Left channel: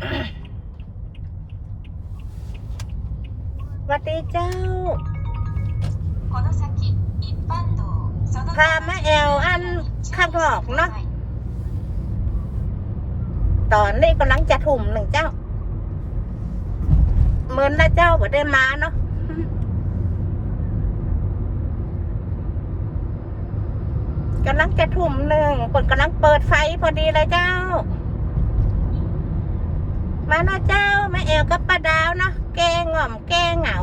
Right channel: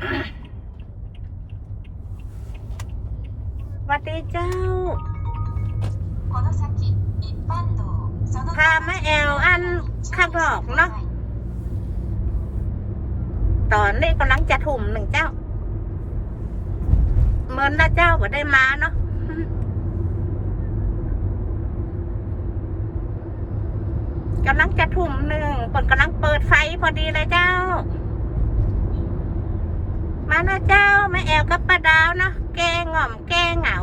วัสดีเจ้าพามาแอลอันข้างนอกเนาะตอนนี้กำลังจะถุ่มหนึ่งเจ้าเมินนะเจ้าว่ได้มาเนาะกำลังจะถุ่มหนึ่งเปิดกำลังเปิดไฟพอดีเลยเจ้า มาเนาะเจ้าแม่แอลกับป้าดาวเนาะแกง่อมแกงเหงา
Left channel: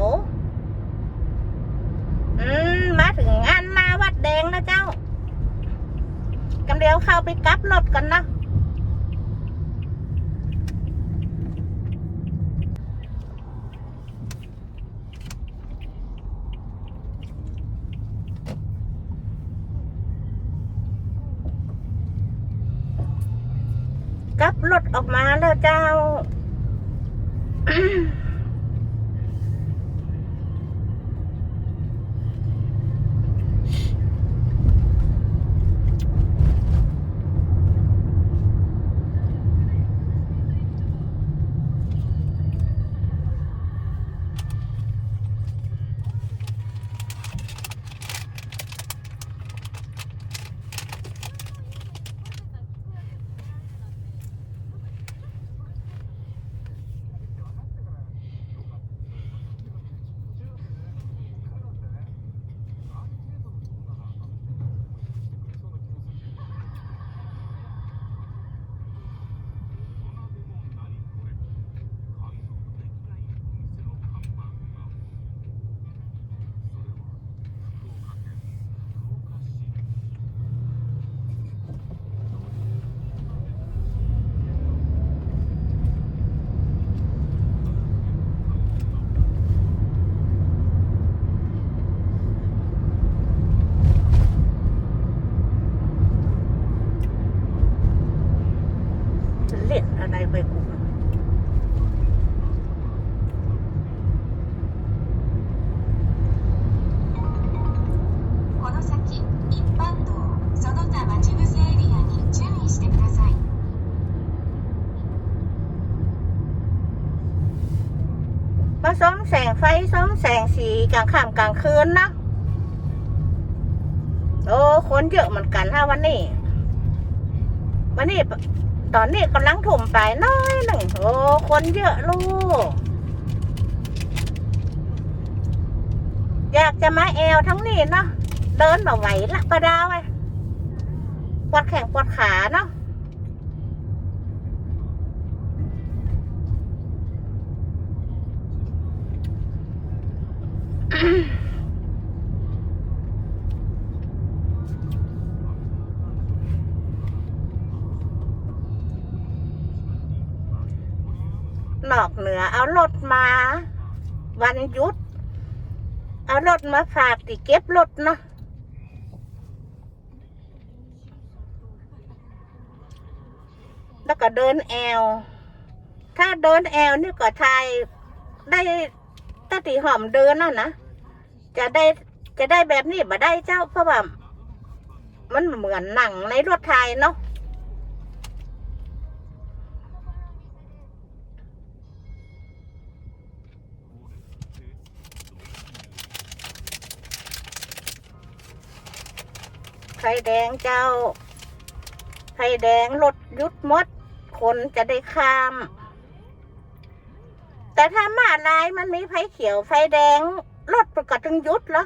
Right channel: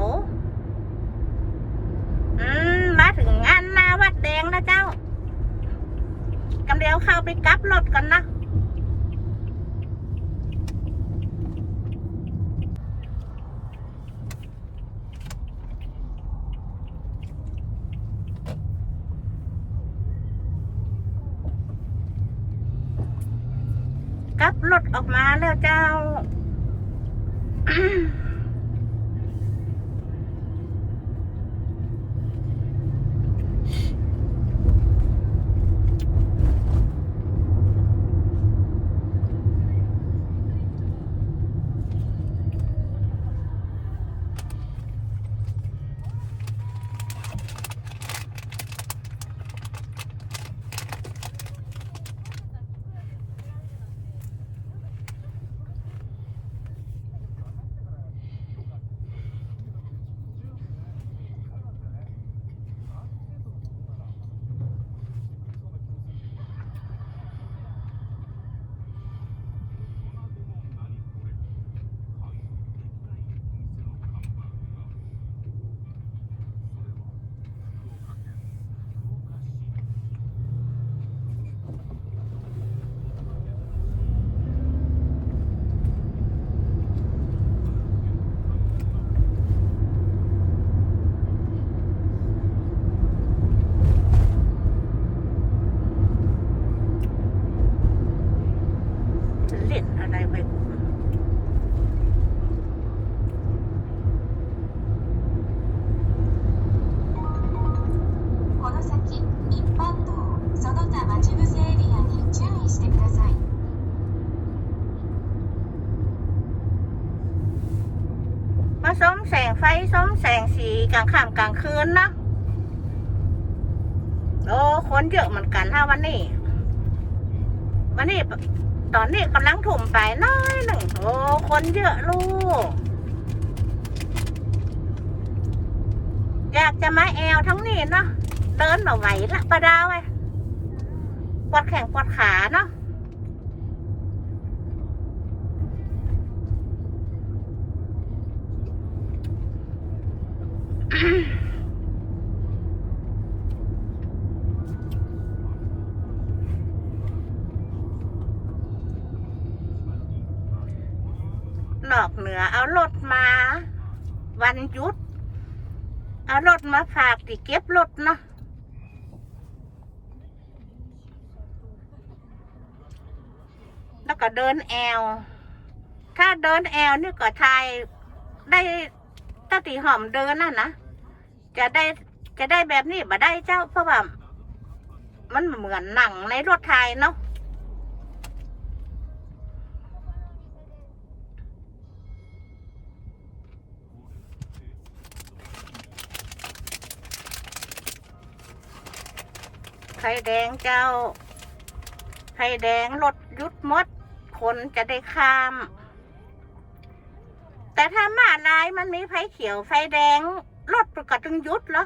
อืมมาถึงงานมาวัดแดงนะเจ้ากำเดียวเข้าไปกลับรถกันนะกลับรถออกมาแล้วเจ้า Mm-hmm. ไฟซ้อมแสงสีกลางค่ำกลางคืนนะโอ้คนเยอะเหมือนกันฮะวันนี้ วันนี้ตอนนี้กำลังถุ่มไปน้อยหนึ่งโอ้คนเยอะลูกอยากจะมาแอลทั้งนี้เนาะเดินมาไหวละประดาวไอ้ปวดแข้งปวดขาเนาะ นอกเหนือ เอารถมา วันหยุด เอารถมาฝากที่เก็บรถเนาะแล้วก็เดินแอล ถ้าเดินแอลนี่ก็ทายได้ตาตีหอมเดินน่ะนะ จะได้จะได้แบบนี้บ่ได้เจ้าเพราะว่ามันเหมือนหนังในรถไทยเนาะ ไฟแดงเจ้าไฟแดงรถยุดมด คนจะได้ข้าม แต่ถ้ามาลายมันมีไฟเขียวไฟแดงรถประกาศต้องยุดเหรอ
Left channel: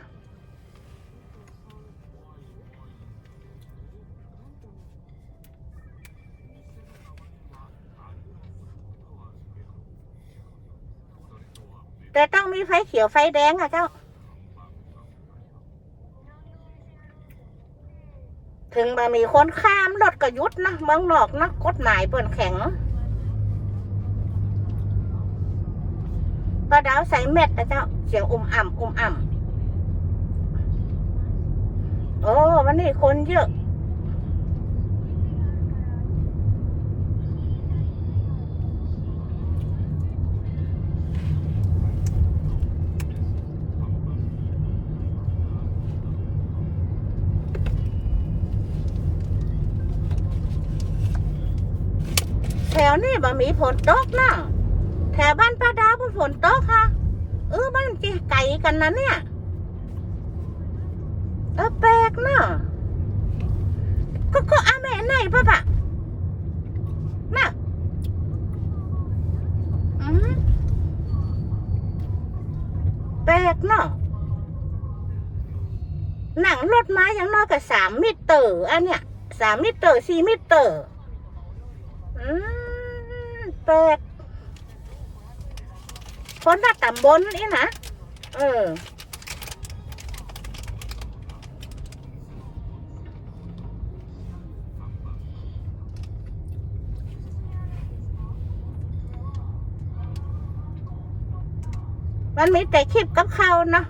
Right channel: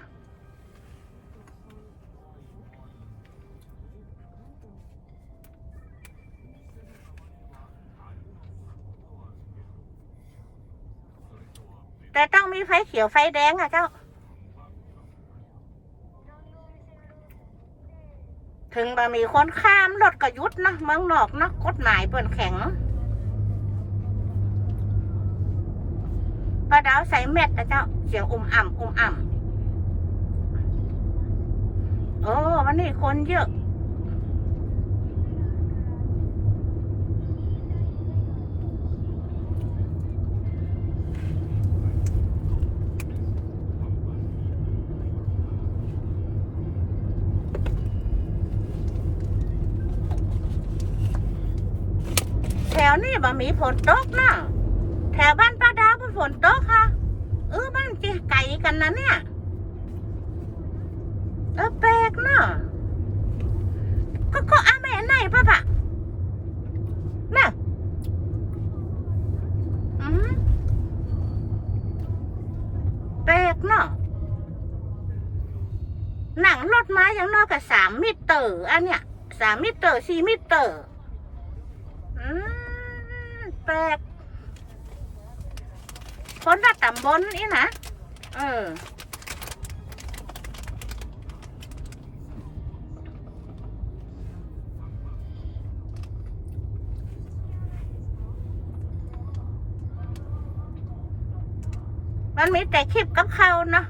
แต่ต้องมีไฟเขียวไฟแดงอะเจ้า ถึงบะมีคนข้ามรถก็ยุดนะเมืองนอกนะกฎหมายเปิดแข็งป้าดาวใส่เม็ดนะเจ้า เสียงอุ่มอ่ำอุ่มอ่ำโอ้วันนี้คนเยอะ บ่มีฝนตกนะแถวบ้านป้าดาวบ่ฝนตกค่ะ เออบ้านจีไก่กันนะเนี่ยเออแปลกเนาะก็ก็อาแม่ไหนปะปะน่ะอืมแปลกเนาะหนังรถมาอย่างน้อยกับสามมิเตอร์อันเนี้ยสามมิเตอร์สี่มิเตอร์ แปลกคนละตำบลนี่นะเออ มันมีแต่คลิปกับเขาเนาะ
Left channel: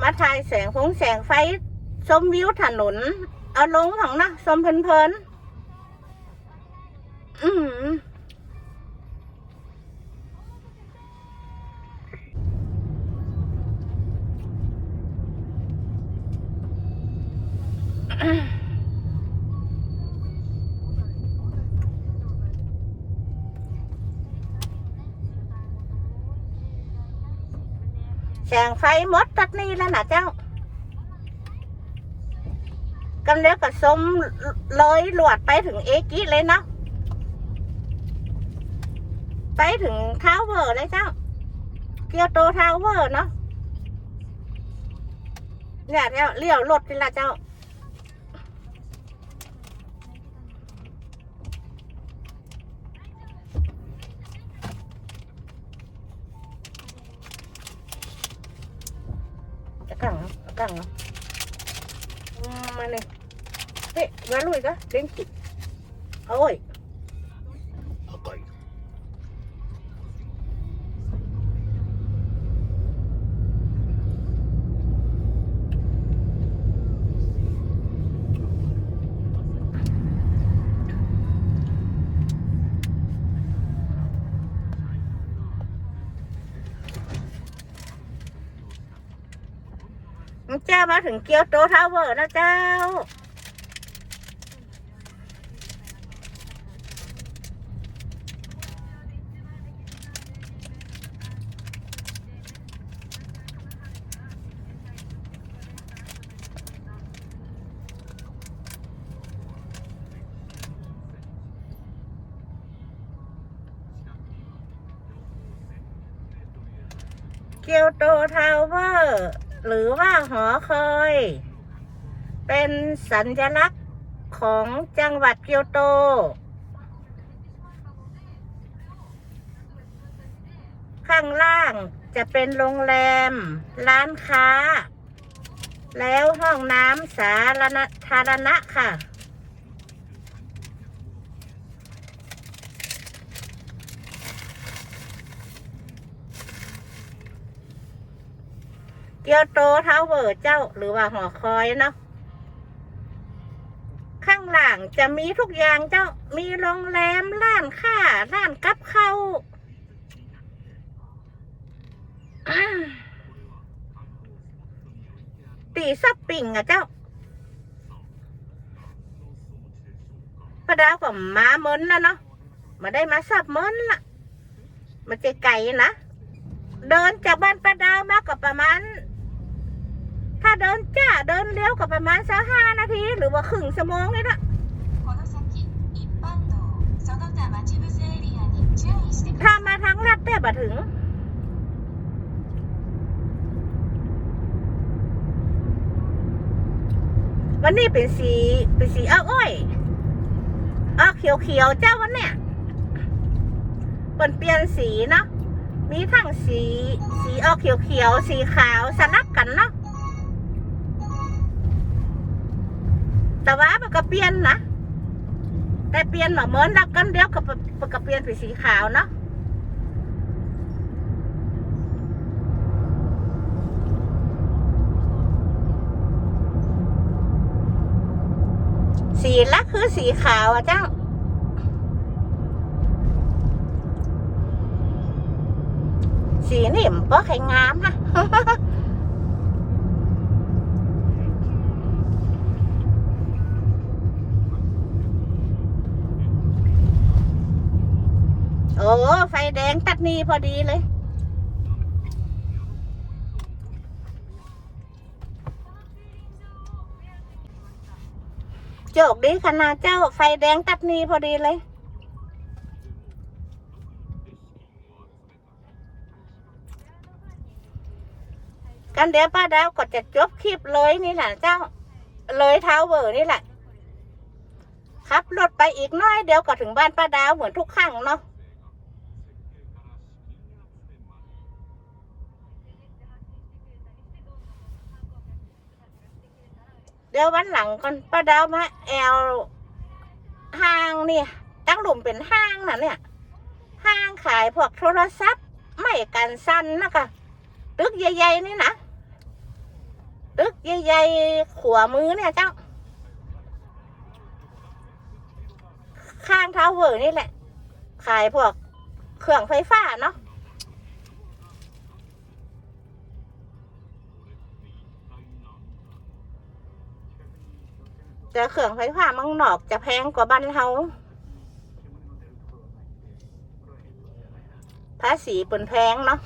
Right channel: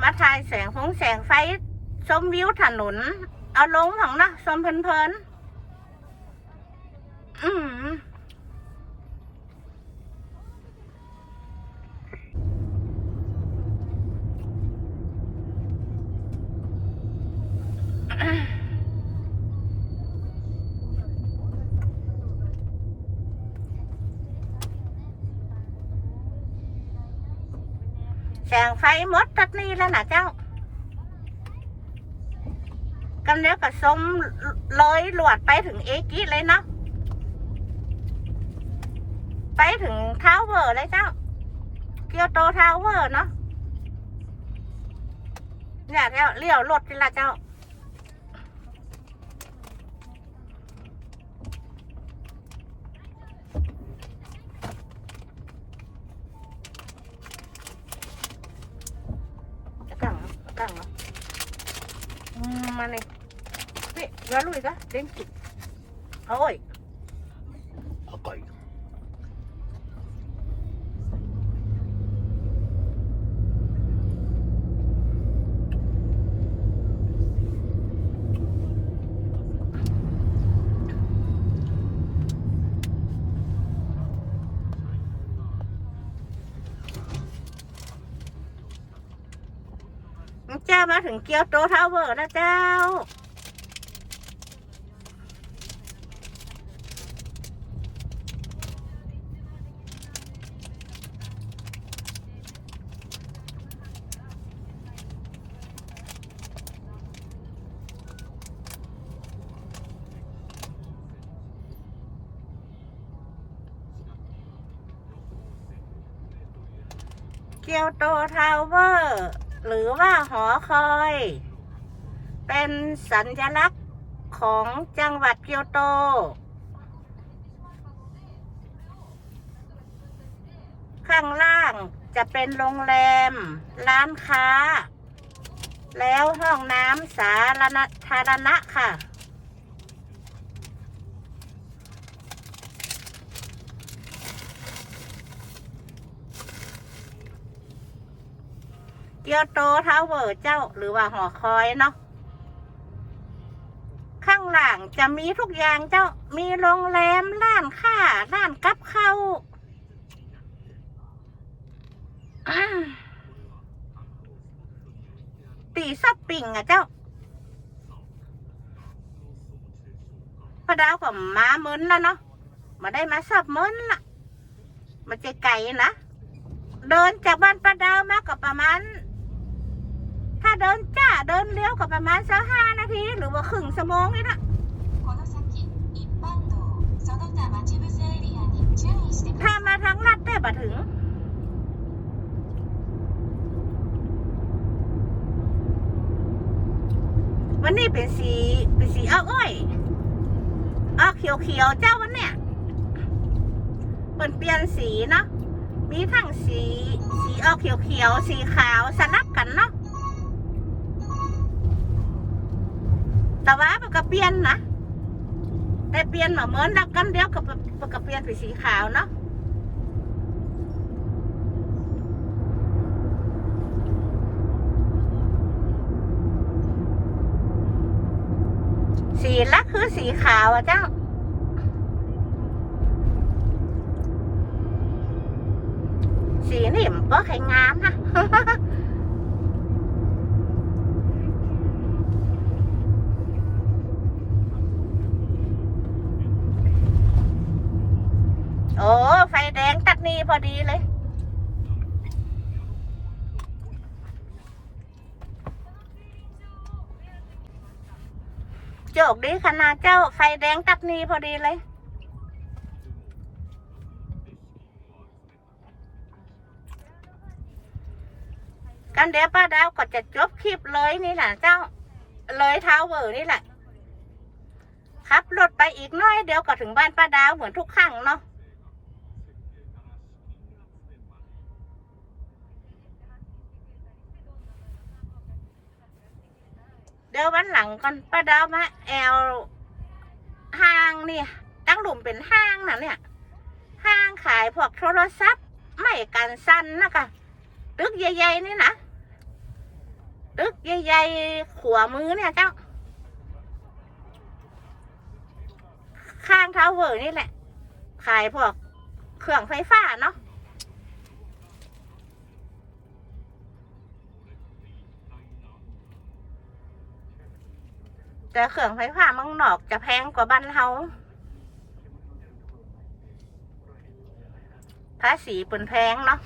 มาถ่ายแสงฟงแสงไฟชมวิวถนน เอาลงของนะชมเพลินๆ อืมแสงไฟมดตัดนี้แล้วนะเจ้ากันเดียวกับสมเลยหลวดไปถึงเอกิเลยเนาะ ไปถึงทาวเวอร์เลยเจ้าเกียวโตทาวเวอร์เนาะเนี่ยเจ้าเลี้ยวรถนี่ละเจ้าจะกังกังเนาะอืมมาเลยเฮ้ยมาลุยกะเล่นจิโอ้ย มาถึงเกียวโตทาวเวอร์แล้วเจ้า เกียวโตทาวเวอร์ หรือว่าหอคอย เป็นสัญลักษณ์ของจังหวัดเกียวโต ข้างล่างจะเป็นโรงแรม ร้านค้า แล้วห้องน้ำสาธารณะค่ะ เกียวโตเท้าเวอร์เจ้าหรือว่าหอคอยเนาะข้างหลังจะมีทุกอย่างเจ้ามีโรงแรมร้านค้าร้านกับข้าวตีซับปิ่งอะเจ้าพระดาวก็มาเมินแล้วเนาะมาได้มาซับเมินละมันจะไกลนะเดินจากบ้านป้าดาวมาก็ประมาณ ถ้าเดินจ้าเดินเลี้ยวก็ประมาณสักห้านาที หรือว่าครึ่งชั่วโมงนี่นะถ้ามาทั้งรัดแต่บ่ถึงวันนี้เป็นสีเป็นสีอ้าอ้อยอ้าเขียวเขียวเจ้าวันเนี้ยเปลี่ยนเปลี่ยนสีเนาะมีทั้งสีสีอ้าเขียวเขียวสีขาวสนับกันเนาะ แต่ว่ามันก็เปลี่ยนนะแต่เปลี่ยนมาเหมือนนักกันเดียวกับมันก็เปลี่ยนเป็นสีขาวเนาะสีลักคือสีขาวอะเจ้าสีนี่มันก็แข็งงามนะ อ ฟ แดงตัดนีพอดีเลย โจกดีขนาดเจ้าไฟแดงตัดนีพอดีเลยกันเดี๋ยวป้าดาวก็จะจบคลิปเลยนี่แหละเจ้า เลยเท้าเวอร์นี่แหละขับรถไปอีกน้อยเดี๋ยวก็ถึงบ้านป้าดาวเหมือนทุกครั้งเนาะ เดี๋ยววันหลังก่อนป้าดาวมาแอลห้างนี่ตั้งหลุมเป็นห้างนะเนี่ย ห้างขายพวกโทรศัพท์ไม่กันสั้นนะคะตึกใหญ่ๆนี่นะตึกใหญ่ๆขวามือเนี่ยเจ้า ข้างเท้าเวอร์นี่แหละ ขายพวกเครื่องไฟฟ้าเนาะ แต่เครื่องไฟฟ้าเมังนอกจะแพงกว่าบ้านเฮาภาษีเปินแพงเนาะ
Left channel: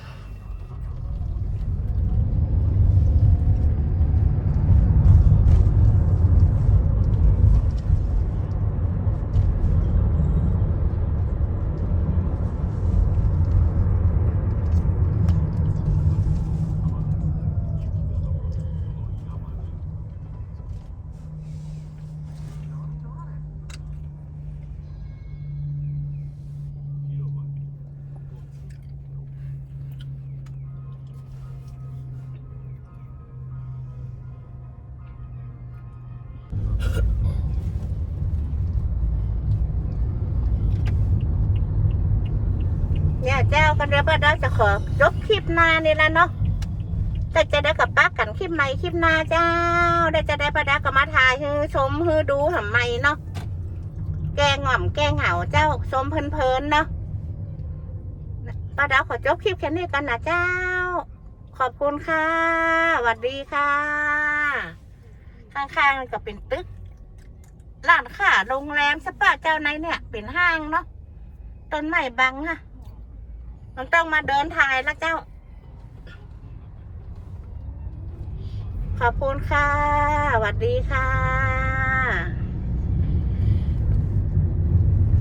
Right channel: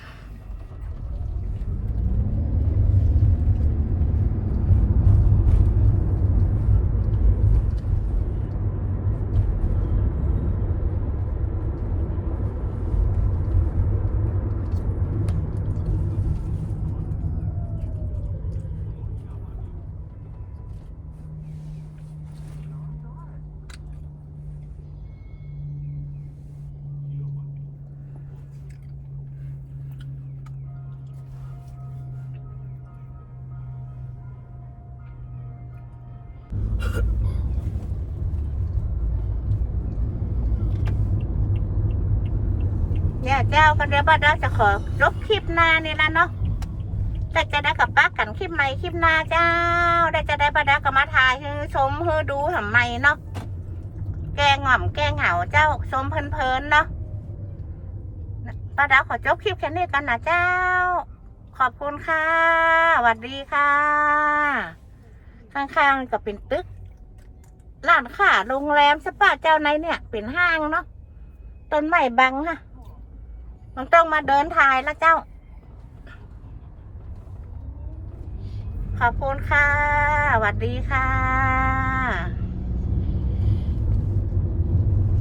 ก็เดี๋ยวป้าดาจะขอจบคลิปหน้านี่ละเนาะแต่จะได้กับป้ากันคลิปใหม่คลิปหน้าเจ้า ได้จะได้ป้าดาวก็มาถ่ายให้ชมให้ดูทำไม่เนาะ แกงหง่อมแกงเหาเจ้าชมเพลินๆเนาะป้าดาขอจบคลิปแค่นี้กันนะเจ้า ขอบคุณค่ะสวัสดีค่ะ ข้างๆก็เป็นตึกร้านค้าโรงแรมสปาเจ้าในเนี่ย เป็นห้างเนาะต้นไม้บังค่ะ มันต้องมาเดินถ่ายแล้วเจ้า ขอบคุณค่ะสวัสดีค่ะ